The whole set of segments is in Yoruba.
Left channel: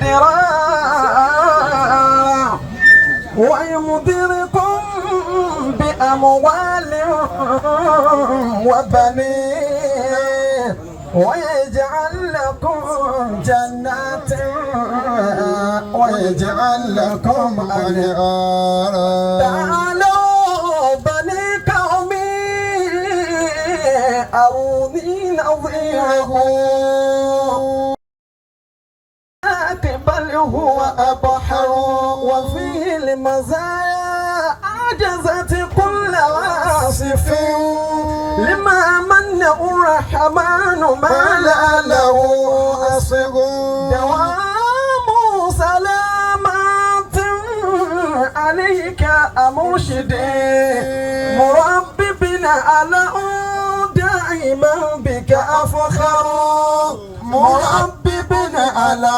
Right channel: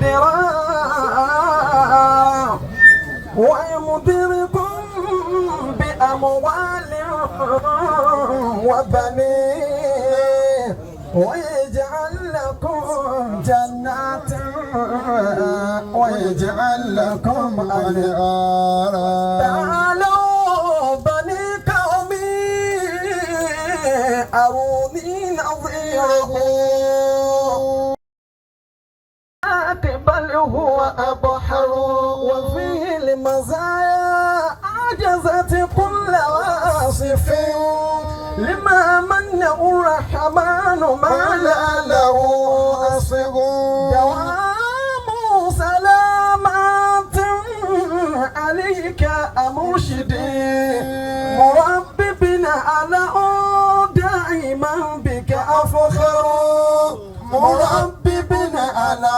مدرارا ويمدركم بأموال وبنين ويجعل لكم جنات ويجعل لكم أنهارا. تعالوا بني قومي أروني نظيره بل هو أبحر وفيه المزايا عجزت كل واصف لما من الرحمن ما لا له أصغ دوام سلامات عليك مرشدي مرببنا على دائما بك أفخر مرببنا على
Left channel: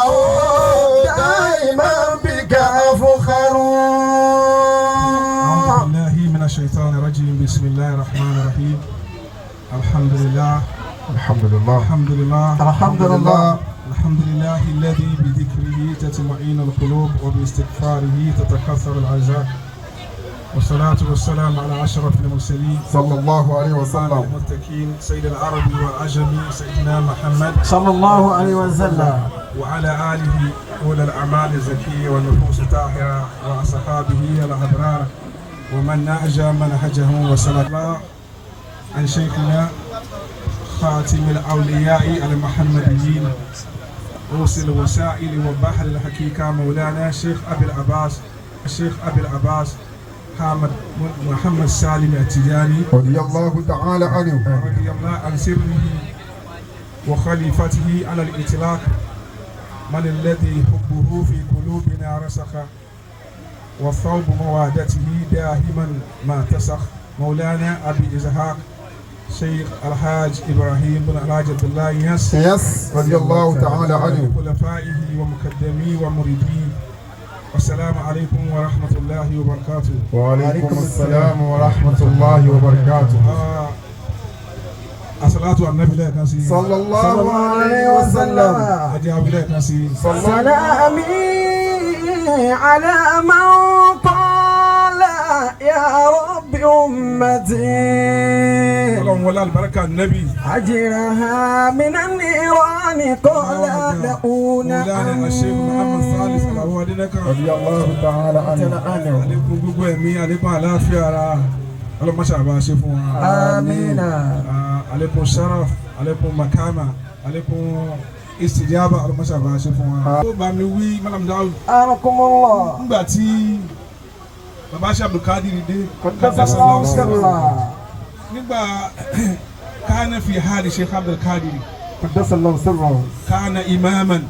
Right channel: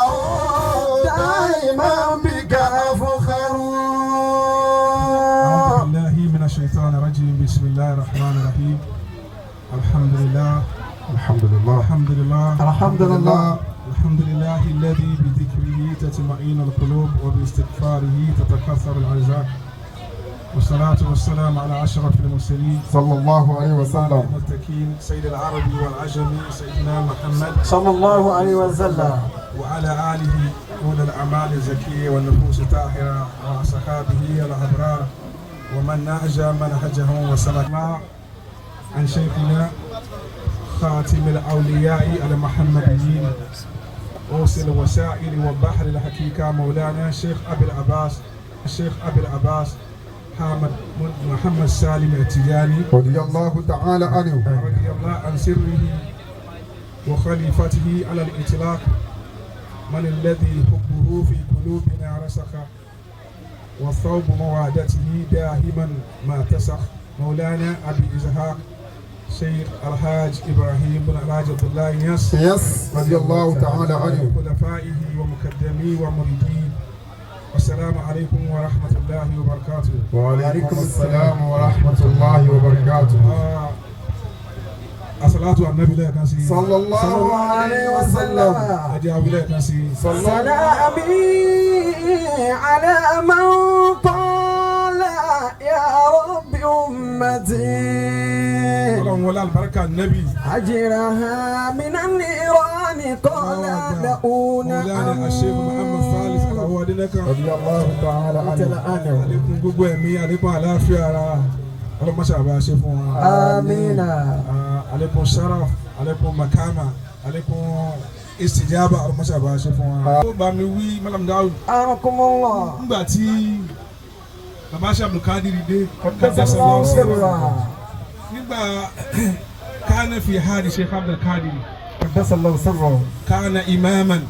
دائما بك أفخر. أعوذ بالله من الشيطان الرجيم. بسم الله الرحمن الرحيم. الحمد لله الحمد لله الحمد لله الحمد لله الحمد لله الذي بذكره تطمئن القلوب وباستغفاره تتكثر الأرزاق والصلاة والسلام على أشرف المرسلين صلى الله عليه وسلم المتقين سيد العرب والعجم سيدنا محمد صلى الله عليه وسلم وعلى آله أولي الأعمال الزكية والنفوس الطاهرة وأصحابه الأبرار ومن نهج منهجهم وسلم عن شيخنا خاتم الأولياء المحمديين أوصل الوسائل وبحر الحقيقة مولانا الشيخ أبي العباس محمد سالم التجاني رضي الله تعالى عنه رضي الله عن سره وخليفته على الإطلاق من الذي حبه في قلوبنا رسخ وثوب موادته دائما ما تسخ مولانا أبي إسحاق شيخ الحاج إبراهيم بن الحاج عبد الله يس رضي الله تعالى عنه خلفائه ومقدميه ومريديه. السلام عليكم ورحمة الله وبركاته. وعليكم السلام ورحمة الله وبركاته. الصلاة على النبي لا كنسي صلى الله عليه وسلم. أجاب لا كنسي سلامي على من قال يا رب أمتي اللهم ولا البركة النبي أجرها من النيران قال مولانا الشيخ محمد ثالث الأوادنك رضي الله تعالى عنه. عليكم gbogbo ẹ̀mí عليكم àlàáfíà ara ọlọ́mọ ṣàbá ṣe fún wa. آمين. عليكم sharaf عليكم makama عليكم istijaba ọlọ́mọ ṣàbá ṣe fún wa. ó bá mi wí Malam Daud. أرحم الله. nígbà tí bàbá Abdulkadir dé nígbà كان في هذا الشيخ Abdulkadir قدس الله سره. كان إماما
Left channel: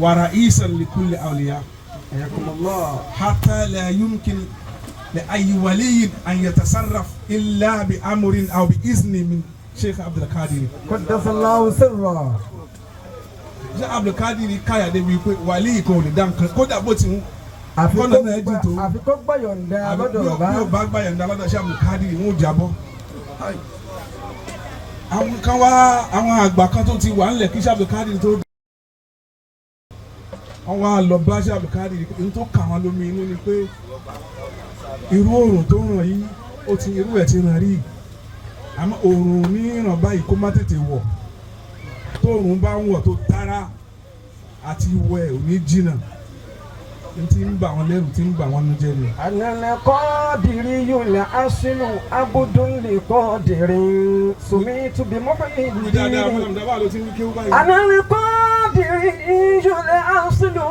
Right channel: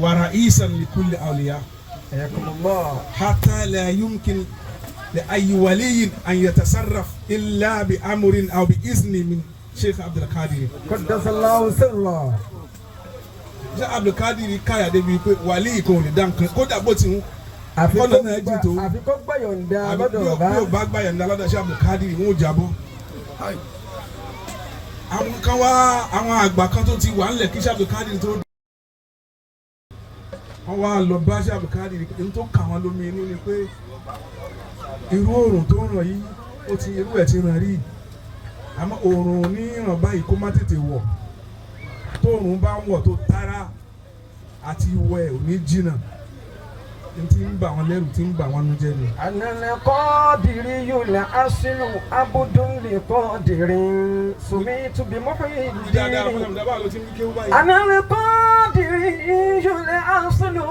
ورئيسا لكل أولياء حياكم الله. حتى لا يمكن لأي ولي أن يتصرف إلا بأمر أو بإذن من شيخ عبد القادر. قدس الله سره. شيخ عبد القادر káyà débi pé wàlíì kan ò lè dá nǹkan kódà bó ti ń kọ́nà náà jìn tó àfikún gbàyọ̀ǹda lọ́dọ̀ bí ó bá gbàyọ̀ǹda lọ́dọ̀ Sheikh Abdul Qadir wọn ò jábọ́. àwọn kan wá àwọn àgbà kan tó ti wà ńlẹ̀ kí Sheikh Abdul Qadir tó wọ́n wá lọ bá Sheikh Abdul Qadir ní tó kà wọ́n lómi inú ni pé irú oòrùn tó ràn yìí ó ti irú ẹ̀ ti ràn rí àmọ́ oòrùn ní ìràn báyìí kó má tètè wọ̀ tóòrùn bá ń wọ̀ tó tara àti wọ̀ ẹ̀ ò ní jìnnà tí ń bà wọ́n lẹ́rù tí ń bà wọ́n nú jẹ́ ni. ànàlẹ́ kọ́ọ̀dìrì yóò lẹ́ àṣìlù abudulè kọ́ọ̀dìrì sùnmí tùbí mọ́fẹ́ dáadáa fúnra mi dábàá ló ti ń kí ó báyìí. ànàlẹ́ kọ́ọ̀dìrì yóò lẹ́ àṣìlù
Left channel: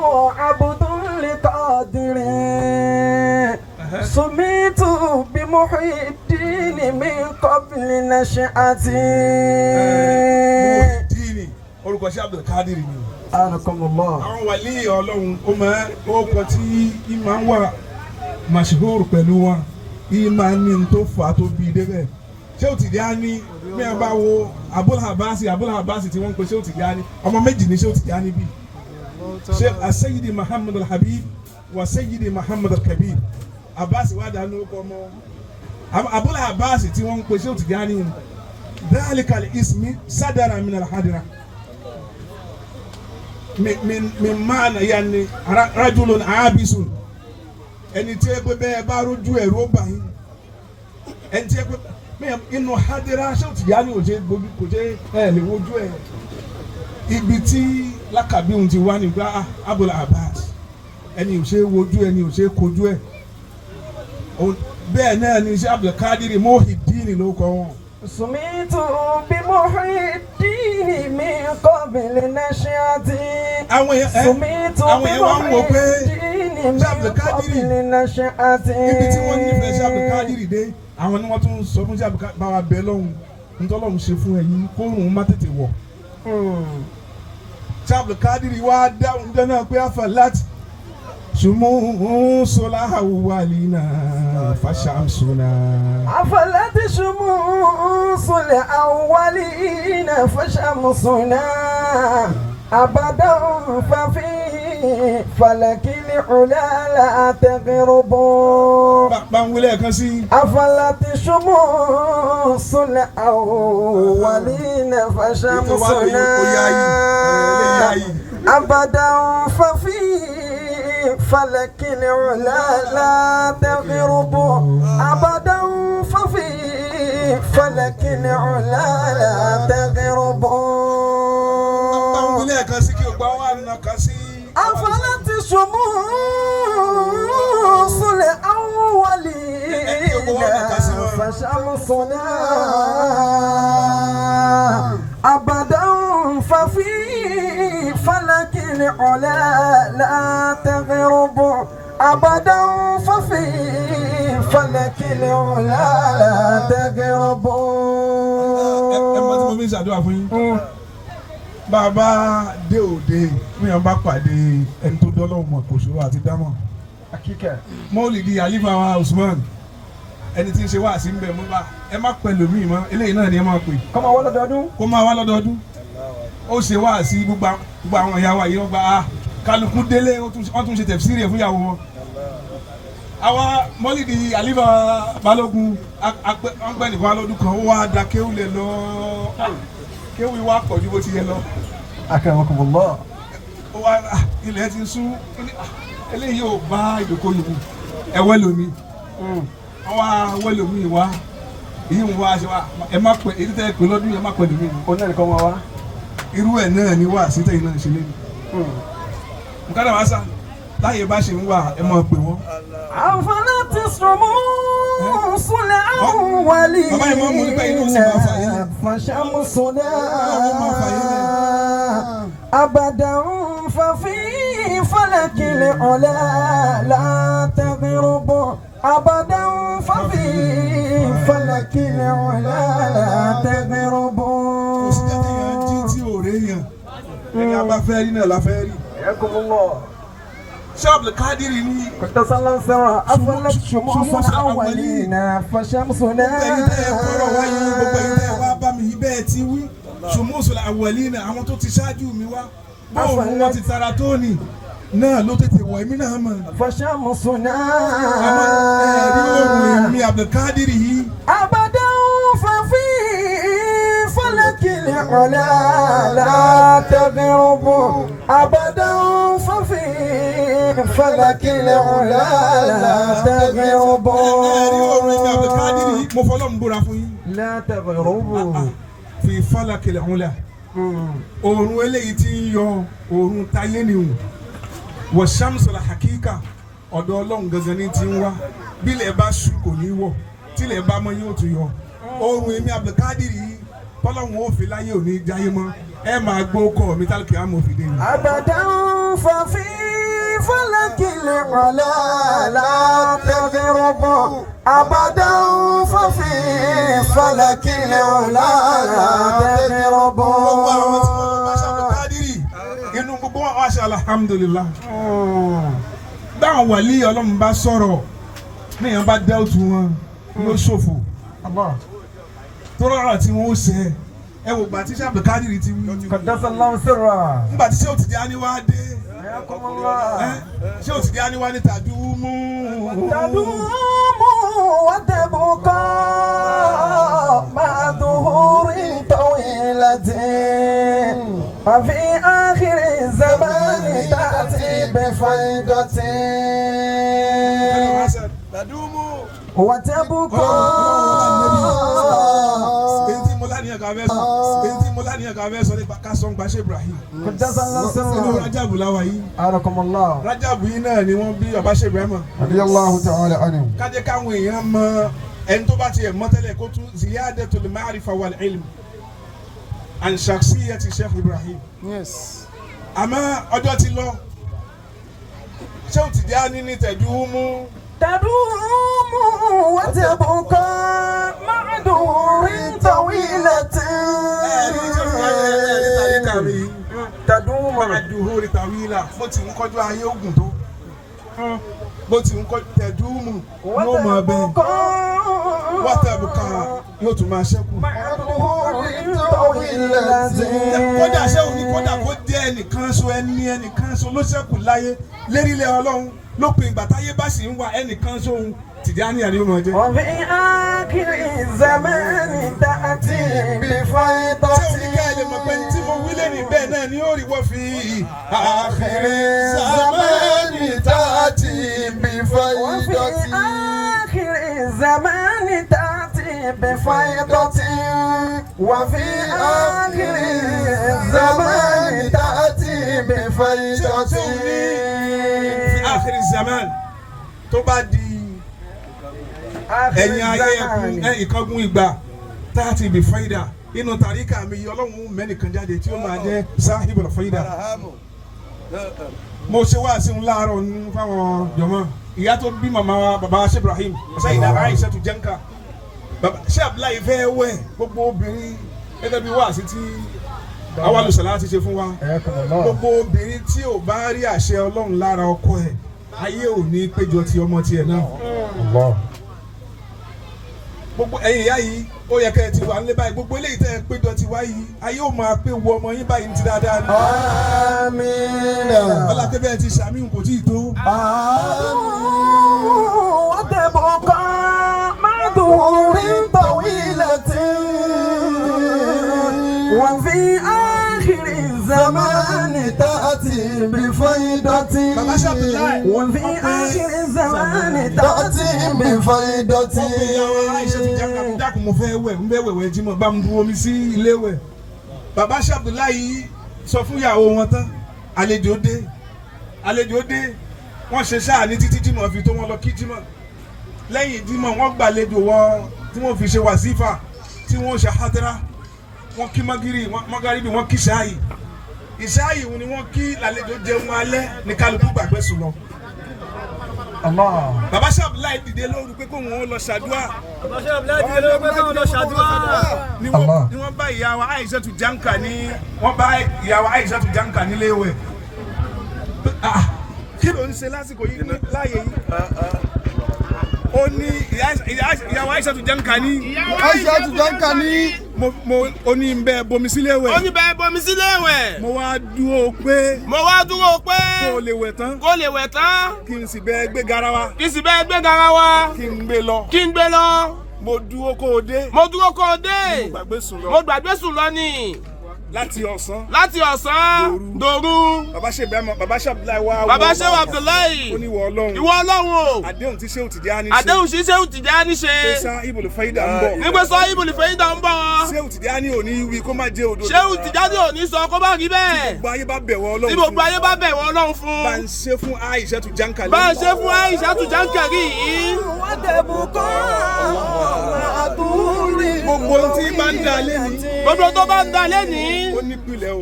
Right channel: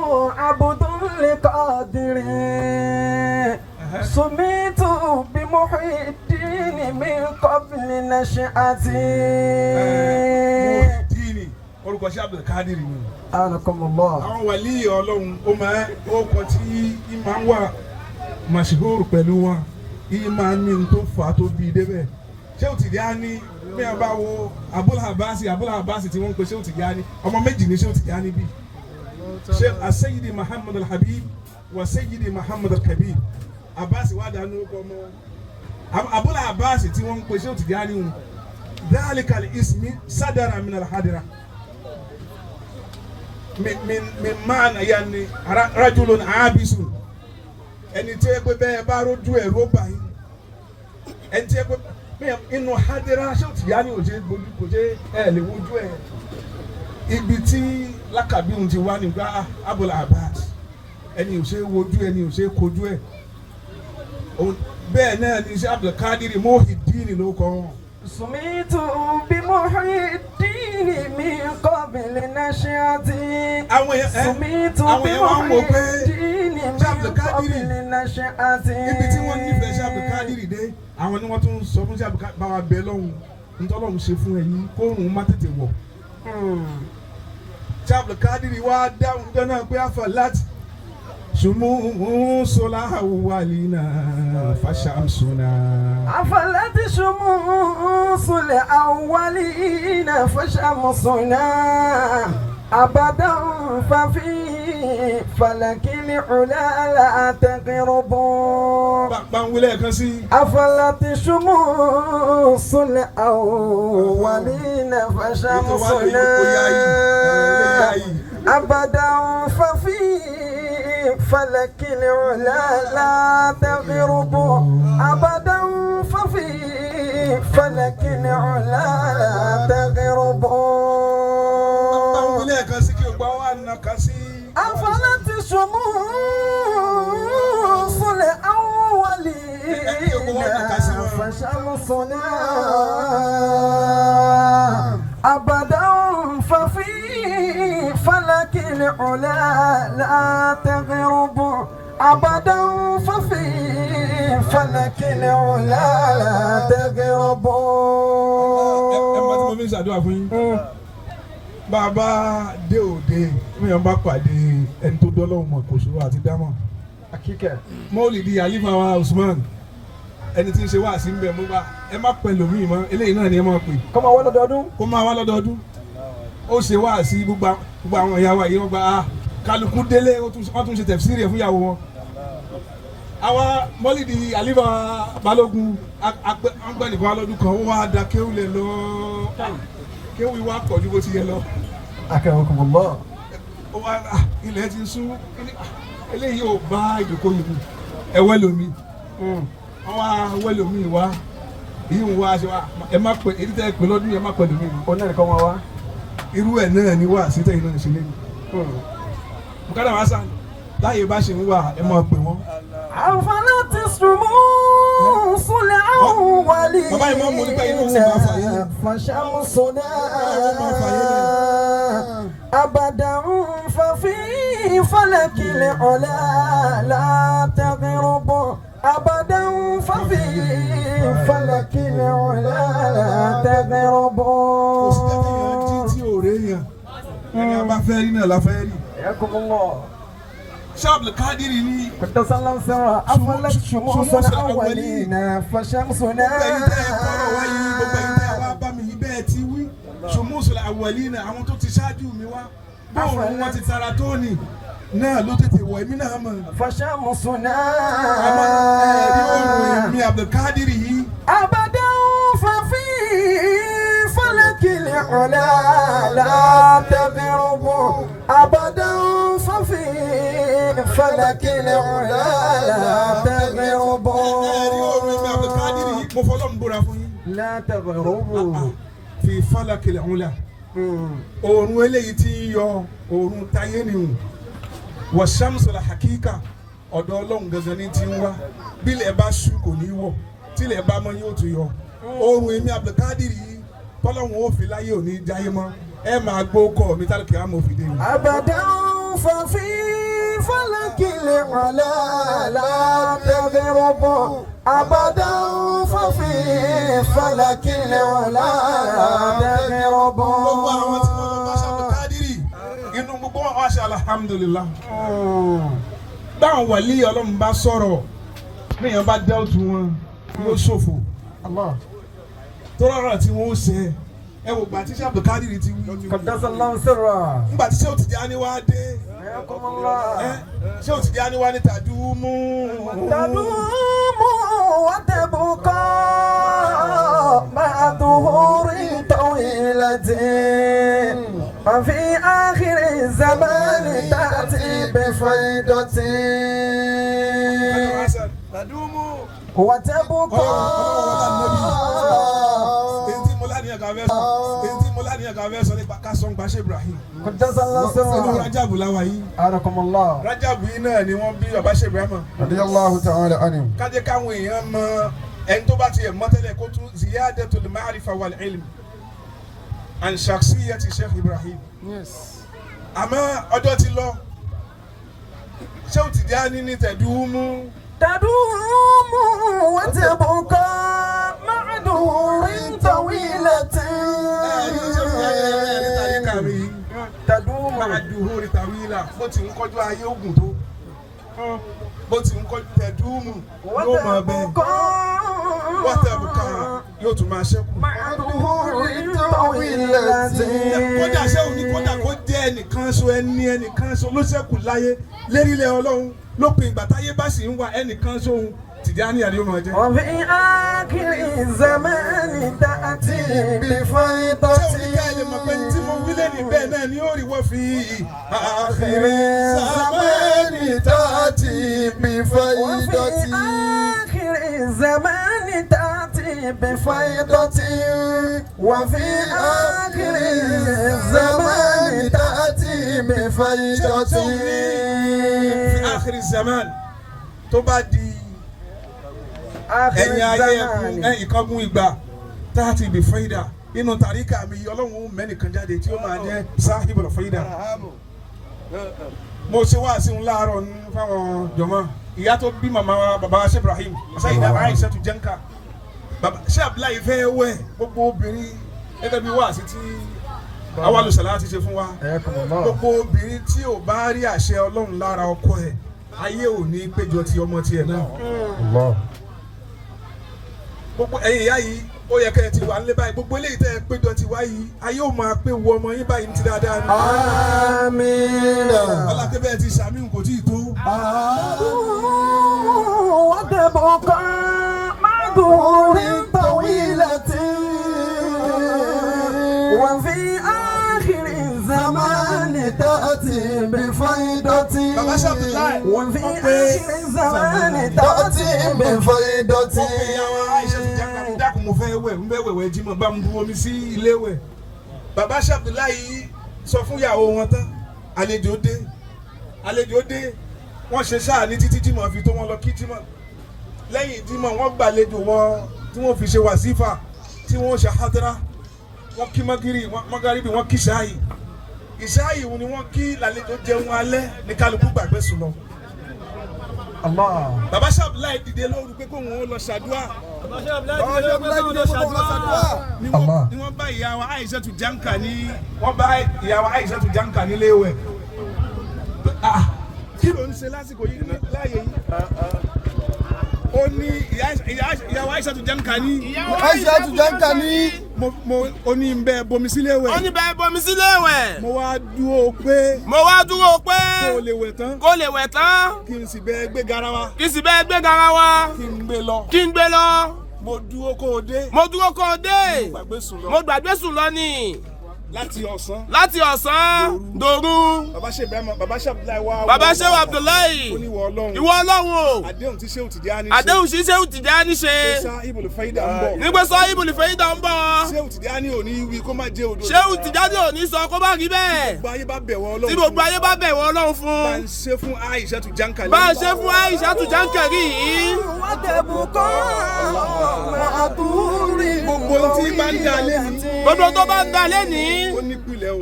abudulè kọ́ọ̀dìrì sùnmí tùbí mọ́fẹ́ dìní mi kọ́bìlì nàṣẹ́ àti. orúkọ Sheikh Abdul Qadir ni. anakumullah. àwọn wàlí Ọlọ́run ó kọ tí ìmọ̀ wà mashhur pẹ̀lú wọn ìmọ̀ ní tó fà á tó bí débẹ̀. ṣé o ti di á ní bí a bá wo Abul Habasi tí wọ́n ń pe ṣé o ti di á ní ọmọ méjì ní ṣé o ti di á ní bí. ṣé Sayyidi Muhammad al-Habib wa Sayyidi Muhammad al-Kabir Abbas wà dánú ọkọ ọmọ Abul Habasi tí wọ́n ń pe ṣé o ti di á ní dhalika al-ismi sadara min al-hadira. min maana yanni rajulun abisun ẹni tí ẹ pé bẹ́ẹ̀ bá rójú ẹ̀rọ bá yín ẹni tí ẹ pé inú hadira ṣé o ti yá ni kò ṣe ẹ lè wojú ẹ ibi tí lákàbí òun ti wá nígbà Abul Abbas ẹni ò ṣe wojú ẹni ò ṣe kojú ẹ bẹ́ẹ̀ náà ni ṣe Abdul Qadir Muhyiddin ló kọ́ wọn. Sumitu bi Muhyiddin min qabli nashati. Sumitu bi Muhyiddin min qabli nashati. Ibi tí wọ́n nífẹ̀ẹ́ sí Abdul Qadir dé àwọn ni wọ́n tún sọ fún sí Abdul Qadir báwa bẹ́ẹ̀ lọ́hùn ntọ́lọ́hùn ṣe fún ẹ̀yin kóòrùn má tètè wọ̀. Ṣé Abdul Qadir wá dáhùn dáná pé àfàlátì شموس الأولين فشمسنا أفلت شموس الأولين فشمسنا أبدا ففي فلك العلا لا تغرب أفلت شموس الأولين فشمسنا أبدا ففي فلك العلا لا تغرب أبدا ففي فلك العلا لا تغرب أفلت شموس الأولين فشمسنا أبدا ففي فلك العلا لا تغرب أبدا ففي فلك العلا لا تغرب. Bàbá dé òde mi ò bá pàdé ẹni tó dọ́lọ́wọ́ mọ̀ kò ṣòro àti dámọ̀. Mọ́lìdí Àlífà wa Usman ẹni tí ń ṣe wá sí ń bẹ̀ mú bá ẹ má pẹ̀lú mi mọ́ eléyìí náà ni ẹ máa pè. Kó máa wá lọ́dọọdún. Kó máa wá lọ́dọọdún. Ó ṣe wá sí gbogbo àwọn ìyàwó àyè wọn gba kálukú délé wọ́n tún ṣe tẹ̀fsírì ẹ̀ fún ìyàwó wọn. Àwa Mọ́lìdí Àlífà Balógun ọgbẹ́nìkan alọ́dún kan ó wá da kéwù lẹ̀ lọ kéwù wá pọ̀ ju bó ti yẹ lọ. Akramakumullah. Ó wá ilẹ̀ ti sún eléyìí ò bá ìdókòwò yìí ẹ̀wẹ́ lomi wọ́n wá wẹ́ lomi wá èyí ń wá ṣe wá ẹ má pẹ́ èyí tẹ́ ẹ pé lọ́dún ẹ má pẹ́ lomi. Ó náà nìkan wọn wá. Irú ẹ̀ náà ni wá sí tẹ̀yìn náà ṣe lé ní. Nǹkan náà wá sá láyé bá ṣe ń wà ẹ máa pè wọ́n. أفلت شموس الأولين فشمسنا أبدا ففي فلك العلا لا تغرب أبدا ففي فلك العلا لا تغرب. حياكم الله. Ṣé Abdul Qadir ni. كنت صلى الله أفلت شموس الأولين فشمسنا. Ṣùmùsù àwẹ̀línà àwọn tó ti ṣáájú mi wá báwọn wọn ti tara tó ní náà ló tètè wọ̀ èmi náà mọ̀. فشمسنا. àmọ́ ẹ̀rí òòrùn mi Abdul Qadir yìí. أبدا ففي فلك العلا لا تغرب أبدا ففي فلك العلا لا تغرب. ẹ̀rí òòrùn mi Abdul Qadir yìí mo fọlọ́ ń búra fún yín. لا تغرب. fi falaki al-ula òòrùn eléyìí tí ń yọ òòrùn táyé ni hùn wa shamsul hakika ọ̀dọ̀ Ọlọ́run gangan ní ti ń wá bílẹ̀ bá ṣú kò ní wọ̀ tílẹ̀ bá mọ́ yóò tún yọ òòrùn èmi Abdul Qadir yìí tọ́lọ́run ó fi láyé òní jáyé mọ́ ẹ máa gbó kọ́ mi tálùkì àmọ́ òfin dé ni. أبدا ففي فلك العلا لا تغرب أبدا ففي فلك العلا لا تغرب. gbogbo àwọn tí wọ́n bá ṣe Abdul Qadir inú gbogbo wọn wá ṣe alhamdulillah. báwọn wàlí Ọlọ́run bá sọ̀rọ̀ níyàn bá dẹ́ọ̀tù wọn yóò ṣòfò tó rọrùn tí wọ́n ó ṣe ẹ wò gbà tí ṣe Abdul Qadir ti wí. قدس الله سره. nígbà tí ṣé Tijani wá dé ṣé Tijani wá ní tàdúmù. تدوم وتبقى مع ظهور طويلة ففي آخر الزمان تأتي بفيضة وتبقى قدس الله سره أعانكم الله Rájàbù yìí náà ni wọ́n bí Baba Sheikh Ibrahim. رضي الله تعالى عنه. Kájẹ́ káwọn èèyàn mọ ẹni tó bá tiẹ̀ mọ̀ tẹ́lẹ̀ kó tún ziyadatul ma'rifa wal ilm an shakhsiyyati Sheikh Ibrahim. Àmọ́ ọjọ́ ti lọ Sheikh Tijani ní tẹ̀dúmú. تدوم وتبقى مع دور طويلة تدوم مع دور طويلة bó ti ń kọjú ayé ogun tó bó ti ń kọjú tẹ̀dúmú yóò máa bẹ́ẹ̀ wọ́tẹ̀bùkà yóò tún máa ṣẹ́kù. Kódà sẹ́wọ̀n ní kódà kó jẹ́ ẹnìkan so ẹnìkan so ló ṣẹ́kù láyé lérílẹ̀ Ọlọ́run lópin ìgbà táyé bá sì ń wá ẹnìkan sóhun Tijani àní ọmọ jẹ. وفي آخر الزمان تأتي بفيضة. Ṣé oníkẹ́ ẹ lè mọ̀ pé tí mo wí lẹ́nu bẹ́ẹ̀ náà ni ó rí wọ́n fi آخر الزمان تأتي بفيضة. وفي آخر الزمان تأتي بفيضة. وفي آخر الزمان تأتي بفيضة. في آخر الزمان tó bá di ẹ̀yìn ayé ìkángun ìgbà táàtì ibi fẹ́dà inú tàríkà mi Ọlọ́run mẹ́nìkan jáde tí ó máa jẹ́ sáhìbùl fẹ́dà. Mo ṣe wá sí un láàárọ̀ ní fáwọn jọmọ́ ìyá tó bí màmá bàbá Sheikh Ibrahim Sayyida Aishatu Janka Sheikh Abdullahi fẹ́ wẹ̀ gbogbo obìnrin gẹ́gẹ́ bí wàásí tí àwọn olùsọ̀lá ti ṣe fún wa gbogbo obìnrin tí ò bá rí àṣẹ Ọlọ́run lára ọkọ ẹ̀ ayé ò ní péjọ ti ọmọ tiẹ̀ náà. Gbogbo ẹ̀yin ìyá yìí ó yẹ kẹ́ ẹ ti wà nílé báyìí gbogbo eléyìí tẹ́ ẹ péjọ ti wá yìí ayé ò máa pé wo ọmọ yín báyìí ti dáadáa ni. آمين. Ọlátẹ́bẹ̀ ti sàmì kò tí ì tó. وتبقى مع دور طويلة. وفي آخر الزمان تأتي بفيضة. Baba Sheikh Abdullahi. وفي آخر الزمان تأتي بفيضة. Ìyàwó Aisha ti jáka mi dákun mo fẹ́ wẹ̀ ń bẹ́ wẹ̀wẹ̀ jí mo bá mu bu omi sí ilé wẹ̀. Baba Sheikh Abdullahi sọ fún ìyàwó wọn tán àlejò dé wọ́n ṣe sáà ní títí jímọ̀ fi tó wọn lọ kí jímọ̀ lẹ́yìn jímọ̀ wọ́n gbàlejò wọn tí wọ́n fi ṣe wàsífà tí wọ́n ṣe hádírà wọ́n kí mọ́gàríbì wọ́n kí ṣáàyì ìṣáàyì ni wọ́n kí lálejò jẹun alẹ́ ní kálukú gbàgbé sùn lọ. Baba Sheikh Abdullahi dìde lóru pé kóun ó lọ ṣàdúrà. Ni wọ́n bá ìyàwó Aishatu Janka nílé wẹ̀. Kí ló ń ṣe lásìkò yìí láàyè yìí? Ó ní ìyàwó Aishatu Janka ní. Ó ní ń bẹ bomi sílé wẹ̀. Mo wá dúró pé. Kó lè wẹ̀ tán. Kí n sì bẹ gbé garawa. Kí n gbé lọ. Mo dúró kó o dé. Mo gbàgbé sùn lọ ni. Láti ọ̀sán. Dòru. Baba Sheikh Abdullahi wá. Baba Sheikh Abdullahi. Ó ní ìwọ Ọlọ́run. Àdéhùn tí Sheikh Tijani ṣe. Pèsè Ibùl Fẹ́ídà ń bọ̀. Sheikh Tijani ò ní wí kó má jẹ́ òdodo. Sheikh Tijani ò ní sọ kó má rí bẹ́ẹ̀. Gbogbo ayé bá bẹ̀wọ̀ Ọlọ́run. Tí gbogbo ayé bá bẹ̀wọ̀ Ọlọ́run fún. Bá ń ṣe fún Aishatu Janka lẹ́yìn. Bá ń ṣe fún Aishatu Janka rí yìí. Gbogbo tí bá ń da lẹ́ni. Gbogbo tó bá ń da lẹ́ni. Ó nípìlẹ̀ o.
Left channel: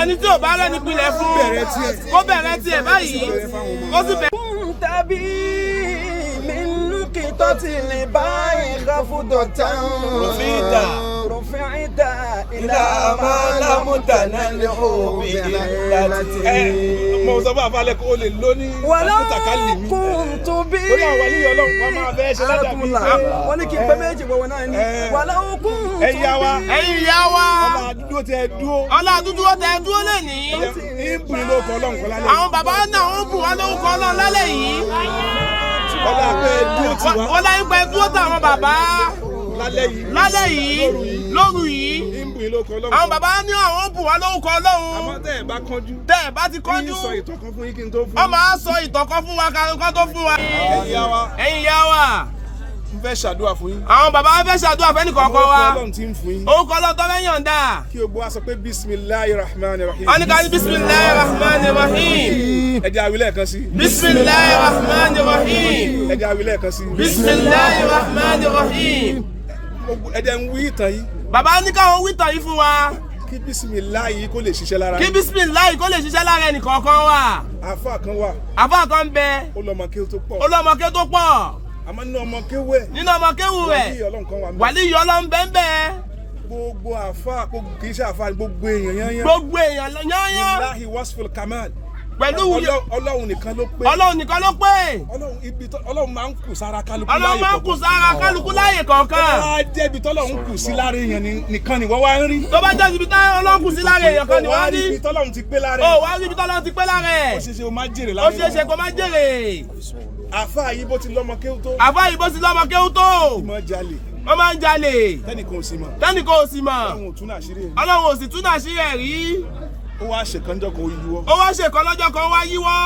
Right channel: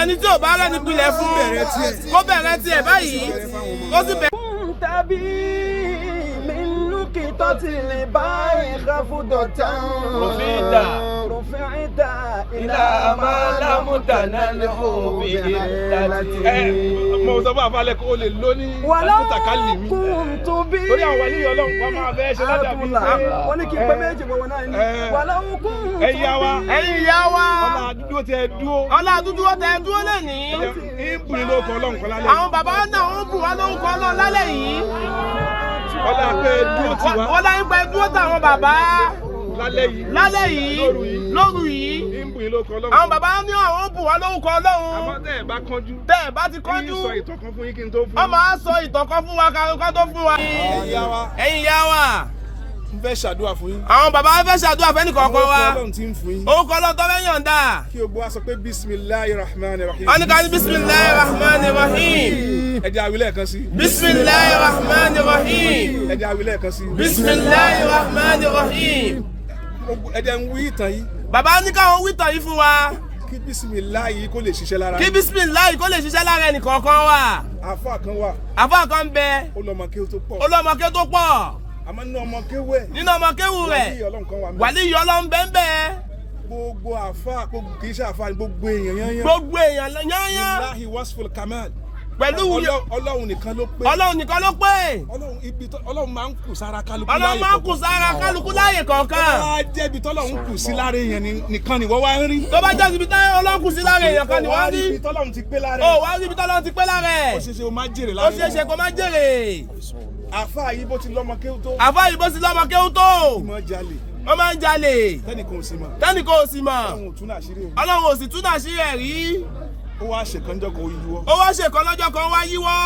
Ẹni tí ò bá rẹ̀ nípìlẹ̀ fún. Kó bẹ̀rẹ̀ tiẹ̀ báyìí. Ó sì bẹ̀rẹ̀. تبي من نقطة الباء خفضة رفعت إلى ما لم تنله بإلته Mo sọ fún àfàlẹ́ kó o lè lóní àkútàkálì mi. كنت بي Lórí àwọn wàlíì Ọlọ́run kan máa fẹ́ ṣe ládàá mi. wọ́n ní kí n pẹ́ méjì wọ̀wọ̀ náà ni. ولو كنت Ẹ̀yin ìyá wa. Ọlá àdúgbò tẹ dúró. lẹ́ni. Ìbùn ló kọ Ọlọ́run kan lálẹ́ yìí. Àwọn bàbá náà ń bù wá lórúkọ Ọlọ́run lálẹ́ yìí. Ọlá pé dúró tì wá. Ọlá ń pẹ́ dúró tàwọn bàbá. lálẹ́ yìí lóru yìí àwọn bàbá ní àwọn bù wá lórúkọ Ọlọ́run. àmọ́ tẹ́ ẹ bá kánjú. tẹ́ ẹ bá ti kánjú. sọ ìtàn kan fún yín kí n tó fún. wọ́n máa sọ ìtàn kan fún wa kan tó fún wa. ẹ̀yin yá wa. n fẹ́ ṣàdúrà fún yín. àwọn bàbá fẹ́ ṣàdúrà fẹ́ni kọ̀ọ̀kan wa. orúkọ Ọlọ́run ti ń fún yín. orúkọ Ọlọ́run tó fẹ́ yọ̀ǹda. kí o gbọ́ wá sọ pé bisimilayi rahman rahim. wọ́n ní ká ní bisimilayi rahman rahim. ẹ jẹ́ a wí lẹ́ẹ̀kan sí. bisimilayi rahman rahim. ẹ jẹ́ a wí lẹ́ẹ̀kan sí. bisimilayi rahman rahim. ẹ jẹ́ n wí ìtàn yìí. bàbá ní káwọn wí ìtàn yìí fún wa. kí bisimilayi kó lè ṣiṣẹ́ lára. kí bisimilayi kó lè ṣiṣẹ́ lára ẹnì kọ̀ọ̀kan wa. àfa kan wà. àfa kan bẹ. ó lọ ọmọ kéwú tó pọ̀. ó lọ ọmọ kéwú tó pọ̀. àmọ́ nínú ọmọ kéwú ẹ̀. nínú ọmọ kéwú rẹ̀. wàlíyìí Ọlọ́run bẹ́ẹ̀ bẹ́ẹ̀. gbogbo àfa kì í ṣe àfa gbogbo èèyàn yányán. gbogbo èèyàn yányán. bilahi wasful kamal. pẹ̀lú Ọlọ́run nìkan ló pé. Ọlọ́run nìkan ló pé. Ọlọ́run máa ń kù sára kálukú láàyè kọ̀ọ̀kan. Ọlọ́run máa ń kù sára kálukú láàyè kọ̀ọ̀kan. tó bá jẹ́ ibi tọ́lọ́run kù sí lára èèyàn nìkan ni wọ́n wá ń rí. tó bá jẹ́ ibi tọ́lọ́run kù sí lára èèyàn kan ni wọ́n rí. ibi tọ́lọ́run ti pé lára. ó wá rí ibi tọ́lọ́run ti pé lára. ó ṣeéṣe o máa jèrè lára. ó ṣeéṣe kó máa jèrè. àfa yìí bó ti lọ́mọ kéwú tó. àfa yìí bó ti lọ́mọ kéwú tó. ìmọ̀ jalè. ó máa ń jalè. tẹ́nìkan ò sí mọ̀. tẹ́nìkan ò sí mọ̀. Ọlọ́run ò tún àṣírí ẹ̀. Ọlọ́run ò sì tún àṣírí ẹ̀ rí. ó wá ṣèkànjọ́ kan ó yíwọ́. ó wá ṣèkan lọ́jọ́ kan wá yíwọ́.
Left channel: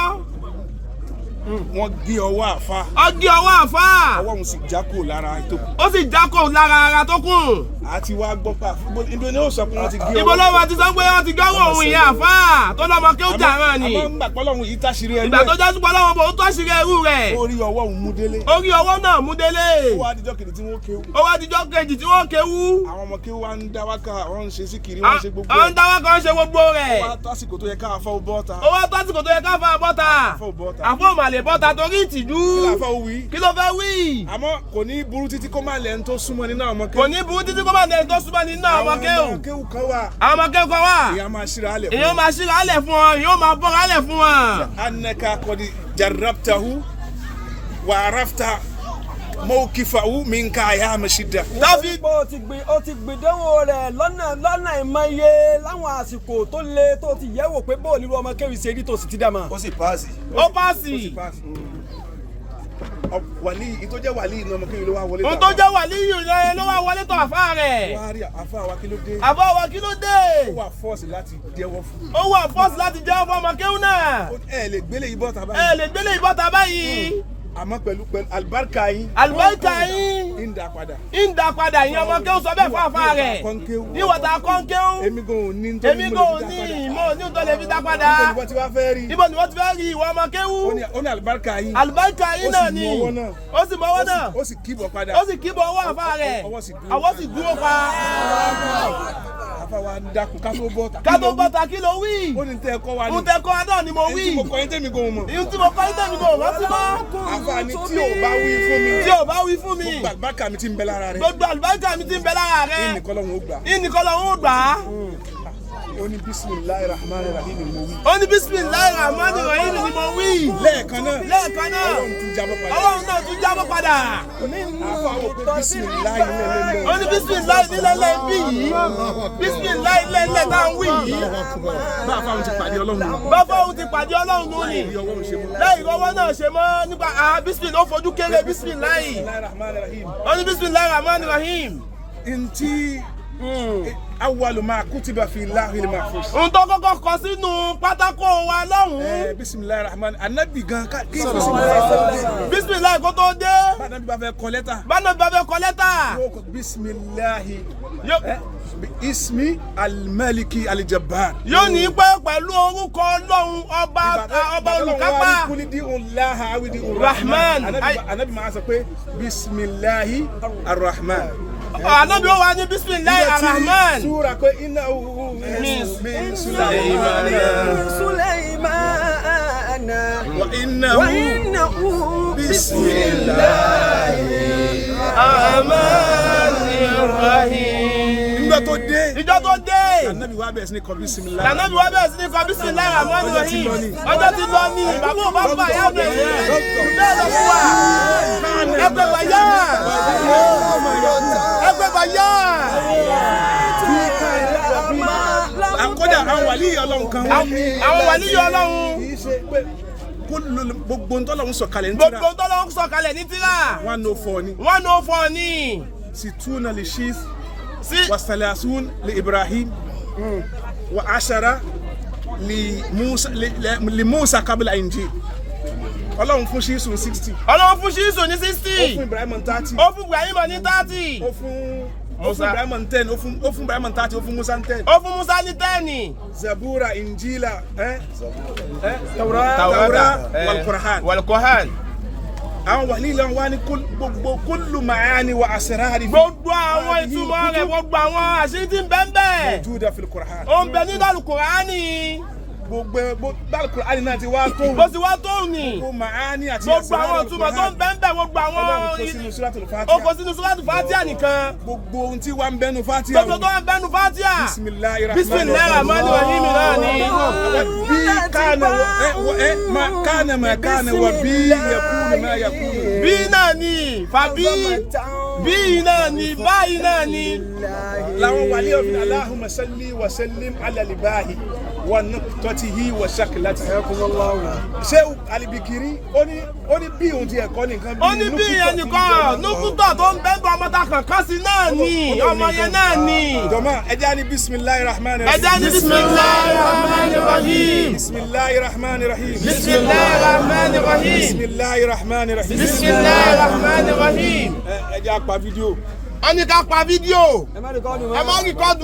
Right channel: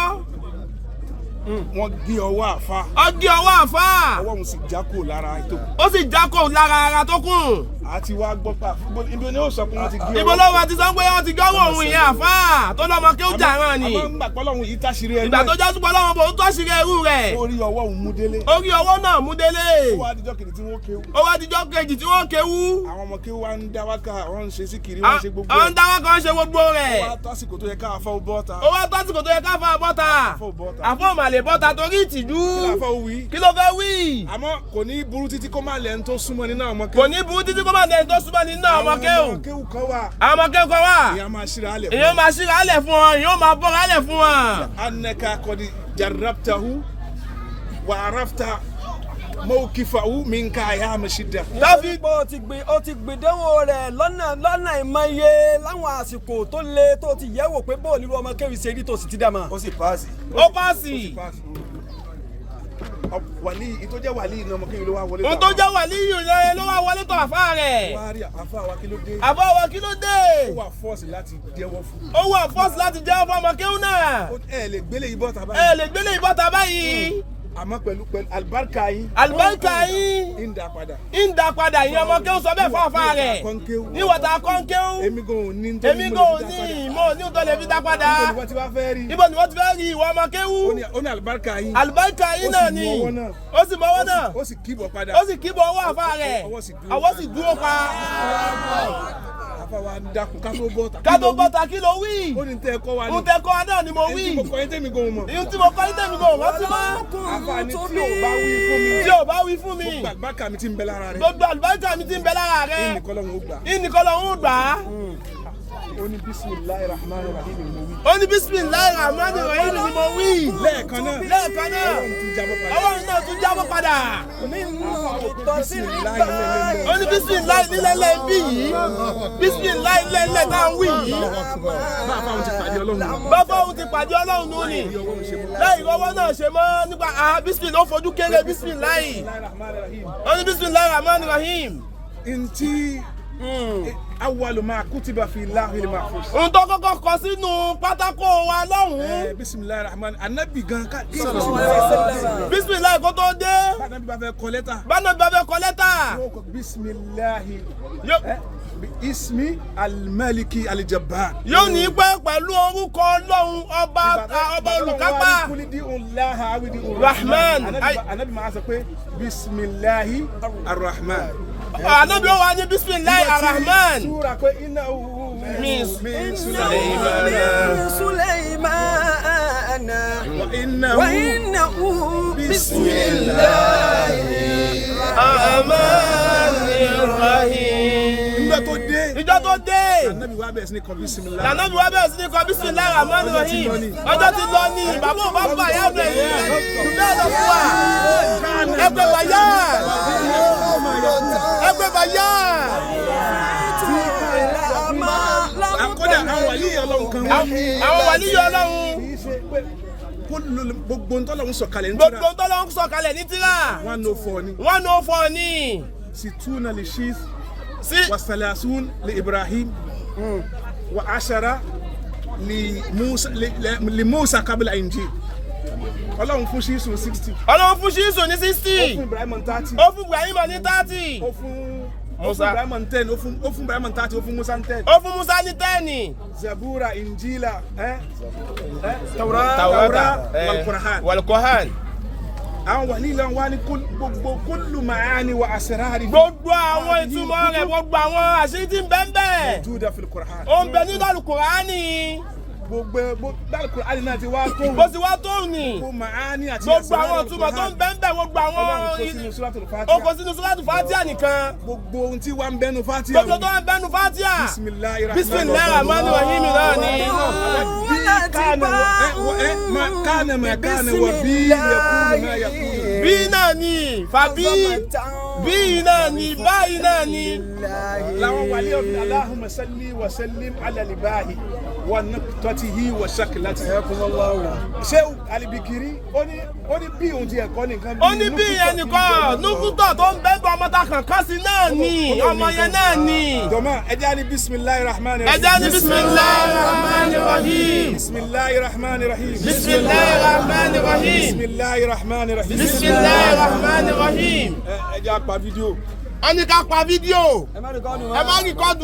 wọ́n gé ọwọ́ àfa. ó gé ọwọ́ àfa. ọwọ́ òun sì já kò lára tó kù. ó sì já kò lára ara tó kù. àti wá gbọ́ pa ibi ni ó sọ pé wọ́n ti gé ọwọ́. ibo lọ́wọ́ ti sọ pé wọ́n ti gọ́wọ́ òun ìyá àfa tó lọ́mọ kí ó jà rán ni. àmọ́ ńgbà pọ́lọ́hún yìí táṣìírí ẹrú ẹ̀. ìgbà tó jásù pọ́lọ́hún bò ó táṣìírí ẹrú rẹ̀. orí ọwọ́ òun mú délé. orí ọwọ́ náà mú délé. ó wá dijọ́ kejì tí wọ́n kéwú. ó wá dijọ́ kejì tí wọ́n kéwú. àwọn ọmọ kéwú wa ń dá wákà wọ́n ń ṣe síkìrì wọ́n ń ṣe gbogbo ẹ̀. ń dá wákà ń ṣe gbogbo rẹ̀. ó wá tásìkò tó yẹ ká àfọ́ bọ́ta. ó wá tásìkò tó yẹ ká àfọ́ bọ́ta. àfọ́ màlè bọ́ta torí ìtìjú. kí ló fẹ́ wí. àmọ́ kò ní burú títí kó má lẹ́nu tó súnmọ́ nínú àwọn ọmọ kéwú. kò ní burú títí kó má lẹ́nu tó súnmọ́ nínú àwọn ọmọ kéwú. àwọn kéwú kan wà. àwọn ọmọ kéwú kan wà. ìyá máa ṣíra alẹ̀ fún wọn. ìyá máa ṣíra alẹ̀ fún wọn. ìyá máa bọ́ra alẹ̀ fún wọn. annaka qad jarrabtahu wa arafta mawqifahu minka ayama shidda. láfi pé o ti gbìdánwò rẹ̀ lọ́nà ìmọye láwọn àsìkò tó le tó ti yẹ̀wò pé bóò nílùú ọmọ kéwì ṣe rí tó sì ti dá ma. ó sì paasi. ó paasi. wàlí ìtọ́ jẹ́ wàlí iná ọmọ kéwì ló wá wọlé tọ̀. ìtọ́ jẹ́ wàlí yìí ló wá wọlé tọ̀ àfa rẹ̀. wá rí àfa wa kí ló dé. àfa wa kí ló dé. ó wà fọ́ọ̀sì láti jẹ́wọ́ fún. ó wà fọ́ọ̀sì láti jẹ́wọ́ fún ọmọ kéwù náà. ẹ lè gbélé ìbọ̀tà báyìí. ẹ lè gbélé ìbọ̀tà báyìí. àmọ́ pẹ̀lú alibarika yín. alibarika yín. ìdá padà. ìdá padà yín ọmọ kéwù sọ bẹ́ẹ̀ fún àfa rẹ̀. níwọ̀ta kọ́ńkéwù. èmi gan ò ní tó èmi gan ò ní ìmọ̀ ní tó lè fi dá padà. ibo ni wọ́n ti wá fẹ́ rí. ibo ni wọ́n ti fẹ́ rí ìwọ ọmọ kéwù. ó ní alibarika yín. alibarika yín náà ni. ó sì mọ ọwọ́ náà. ó sì kíbọ̀ padà. ó sì kíbọ̀ ọwọ́ àfa rẹ̀. ọwọ́ sì dúró pa. àfa wa ń dákun ká tó bọ́ta. ká tó bọ́ta kí ló wí. ó ní tẹ́ ẹ kọ́ wa ní. ó tẹ́ kọ́ wa náà ni mo wí. èyí tí mo kọ́ yín tẹ́mi gan mọ̀. èyí tí mo kọ́ yín tẹ́mi gan mọ̀ sí mọ́. àfààní tí ò bá wí fún mi. tí ò bá wí fún mi. gbogbo àlùbáríkà mi ti ń bẹ lára rẹ. gbogbo àlùbáríkà mi ti ń bẹ lára rẹ. ìnìkan lọ́hùn ó gbà. ìnìkan lọ́hùn ó gbà. ó ní bisimilayi rahman rahim ni mo wí. ó ní bisimilayi rahman rahim ni mo wí. lẹ́ẹ̀kan náà. lẹ́ẹ̀kan náà. ọlọ́run tún jábọ́ padà. ọlọ́run náà tún jábọ́ padà. àfa wò pé bisimilayi lẹ́lẹ́lẹ́. ó ní bisimilayi nílẹ̀lẹ́ bí yìí. bisimilayi nílẹ̀lẹ́ náà wí yìí. bá a fáwọn ti pàdé ọlọ́run. bá a fáwọn ti pàdé ọlọ́run nù ni. lẹ́yìn ọwọ́ náà ṣe mọ́ nípa bisimilayi ó fojú kéré bisimilayi. ó ní bisimilayi rahman rahim. ntí awwalu ma kutiba fi lahil mahfuz. ohun tó kọ́kọ́ kọ sínú pátákó wa lọ́hùn-ún. bisimilayi rahman anabi gan ká kí bisimilayi kó tó dé. bánabi bá fẹ́ kọ lẹ́tà. bánabi bá fẹ́ kọ lẹ́tà. yóò kọ bisimilayi ismi almaliki alijabbar. yóò ní pẹ́ pẹ̀lú orúkọ ọlọ́run ọba olùkápá. rahman. anabi máa sọ pé bisimilayi arrahman. anabi ó wá ní bisimilayi arrahman. súra pé iná min sulaymana wa innahu bisimilayi arrahmanir rahim. nígbà tó dé. ìjọ tó dé. anabi wa bẹ̀rẹ̀ sí ní kọ bisimilayi. anabi wa bẹ̀rẹ̀ sí ní kọ bisimilayi arrahmanir rahim. ọjọ́ ti lọ ní bàbá ò bá fà yá ọ̀dọ̀ yìí. bẹ́ẹ̀ lọ fún wa. ẹgbẹ́ bàyá. ẹgbẹ́ bàyá. àkọ́dà àwọn wàlíyé ọlọ́run kan wá. àwọn wàlíyé ọlọ́run. kì í ṣe pé gbogbo ntọ́lọ́run sọ̀kalẹ̀ ní tírà. gbogbo ntọ́lọ́run sọ̀kalẹ̀ ní tírà. 104 ni. 104 ni. ستون للشيث و30 لإبراهيم و10 لموسى قبل الإنجيل. Ọlọ́run fún Ṣíṣù 60. Ọlọ́run fún Ṣíṣù ní 60. Ó fún Ibrahim 30. Ó fún Ibrahim ní 30. Ó fún Ibrahim 10. Ó fún Ibrahim 30. Ó fún Musa 10. Ó fún Musa ní 10. Zabura, Injila, Tawrata wal Qur'an. Àwọn wàlí lọ wá ní gbogbo kullu ma'ani wa asrari. Gbogbo àwọn ìtumọ̀ rẹ̀, gbogbo àwọn àṣírí tí ń bẹ ńbẹ̀. Mawjuda fil Qur'an. Ó ń bẹ nínú Al-Qur'ani. Gbogbo Al-Qur'ani náà ti wá tó. Bó ti wá tó ní. Gbogbo ma'ani àti Gbogbo àwọn ìtumọ̀ tó ń bẹ ńbẹ̀, gbogbo àwọn Ọlọ́run kó sínú Suratul Fatiha. Ó kó sínú Suratul Fatiha nìkan. Gbogbo ohun tí wà ń bẹnu Fatiha. Gbogbo tó ń bẹnu Fatiha. Bismillahir Rahmanir Rahim náà ni. bí kánà ma kánà wà bí yakunu ma yakunu. Bí náà ni, fàbí, bí náà ni, báyìí náà ni. Láwọn wàlí ọ̀fìn Allahumma salli wa sallim ala al-bahi wa nuqtatihi wa shaklatihi. Sheikh Al-Bikiri ó ní bí ohun ti ẹ̀kọ́ nìkan bí. Ó ní bí ẹnìkan nùkútọ̀ tó ń bẹ́ẹ̀ ọmọ ta kàn ká sí náà ni, ọmọ yẹn náà ni. Jọ̀mọ́ ẹja ní bismillahir rahmanir rahim. Ẹja ní bismillahir rahmanir rahim. Bismillahir rahmanir rahim. Bismillahir rahmanir rahim. Bismillahir rahmanir rahim. Bismillahir rahmanir rahim. Ẹja pa fídíò. Ó ní ká pa fídíò. ẹ má rìkọ́dù Ẹ má rìkọ́dù.